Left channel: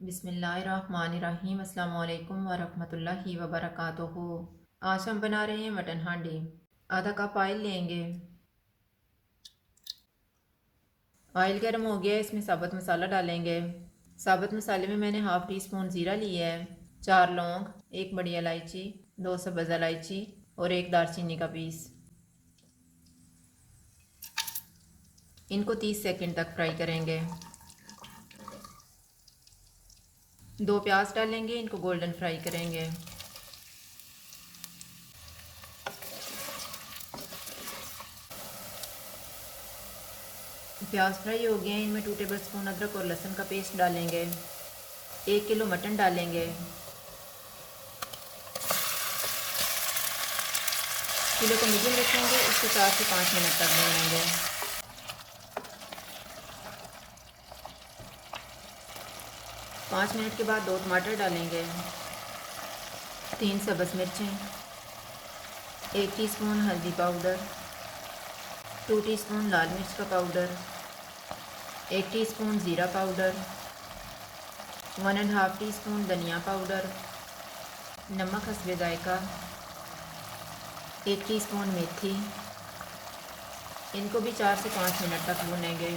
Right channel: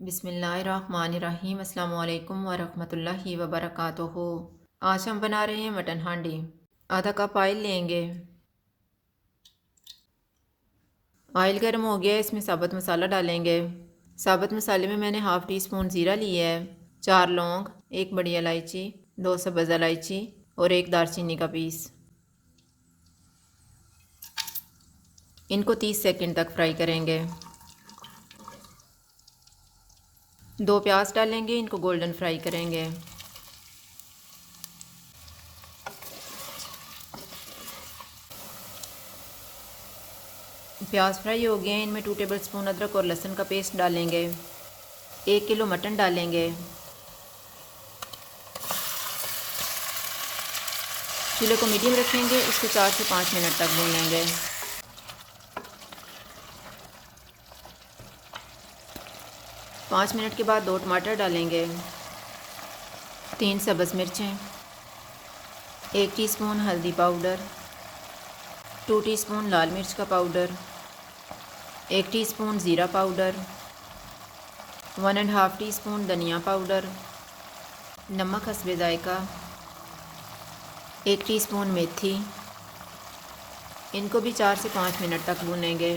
बिस्मिल्लाहिर्रहमानिर्रहीम। अस्सलाम वालेकुम वरहमतुल्लाहि वबरकातुहू। आज हम बना रहे हैं मटन हांडी। आधा कप ऑयल लेंगे। ऑयल गर्म हो गया, इसमें साबुत मसाला डालेंगे। साबुत मसाले में मैंने हाफ़ टी स्पून ज़ीरा लिया है, 4 लौंग, 1 बड़ी इलायची, 2 सब्ज़ इलायची और 1 दालचीनी का पीस। इनको 30 सेकंड तक फ्राई करेंगे। 2 प्याज डालेंगे, इनको गोल्डन फ्राई करेंगे। प्याज फ्राई हो गए, इनमें 2 टेबल स्पून अदरक और लहसुन का पेस्ट डालेंगे। 1 किलो मटन डालेंगे। चूल्हे को मीडियम रखेंगे, इसको 4 से 5 मिनट तक भूनेंगे। 5 मिनट के बाद 2 टमाटर डालेंगे, 3 सब्ज़ मिर्चें, 1 टीस्पून हल्दी पाउडर, 2 टीस्पून लाल मिर्च का पाउडर, 1 टीस्पून ज़ीरा पाउडर, 1 एंड हाफ़ टीस्पून धनिया पाउडर, नमक हस्बे जायका, 1 टीस्पून मेथी। इनको भी 4 से 5 मिनट तक भूनेंगे।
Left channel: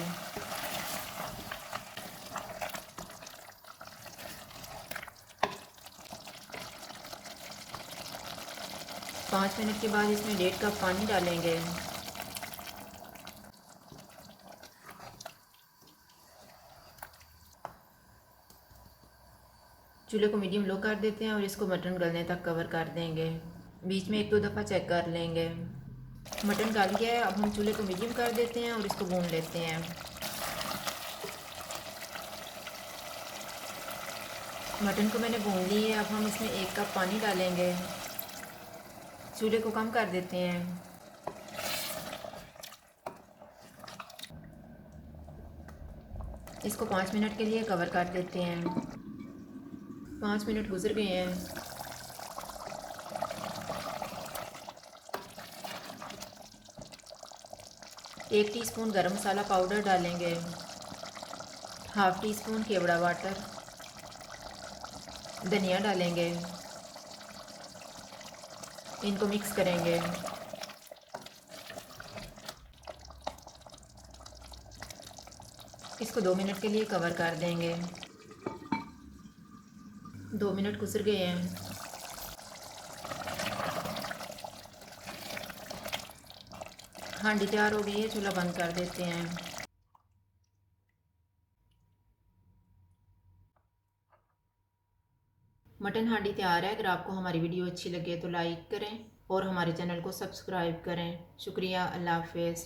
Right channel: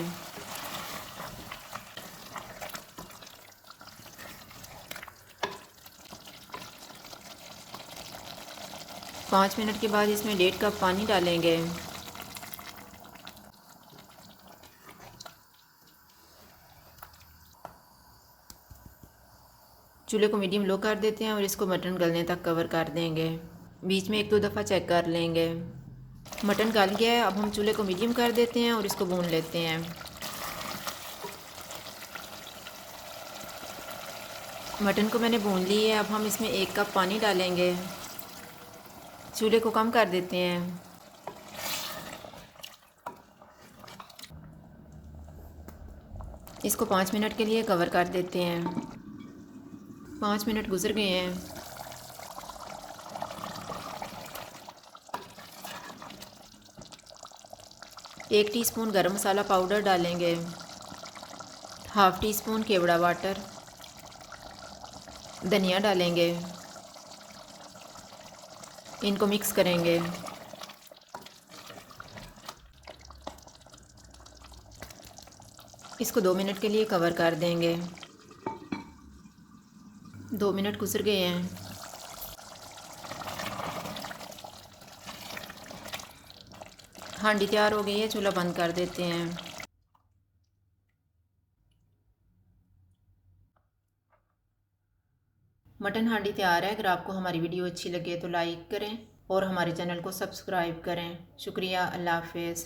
पाँच मिनट के बाद इसमें 1.5 कप पानी डालेंगे। चूल्हे को मीडियम लो कर देते हैं और इसको मटन गलने तक कवर कर देंगे। बीच में 1-2 दफ़ा चेक कर लेंगे। मटन गल गया है, अब हम चूल्हे को मीडियम कर देते हैं और इसको भून लेते हैं। मटन को मैंने भून ली है, अब हम इसमें 1 कप पानी डालेंगे। चूल्हे को कम कर देते हैं। इसको 5 मिनट के लिए कवर कर देते हैं। 5 मिनट गुजर गए हैं। एक टीस्पून गरम मसाला पाउडर डालेंगे, हाफ़ टी स्पून केवड़ा वाटर, धनिया डालेंगे, इनको मिक्स करेंगे। इसको 2 मिनट के लिए कवर कर देंगे। 2 मिनट गुजर गए हैं। हांडी तैयार हो गई है, चूल्हा बंद कर देते हैं। मटन हांडी तैयार है। अगर आपको हमारी वीडियो अच्छी लगे तो लाइक करें और हमारे चैनल को सब्सक्राइब करें। शुक्रिया। अल्लाह हाफ़िज़।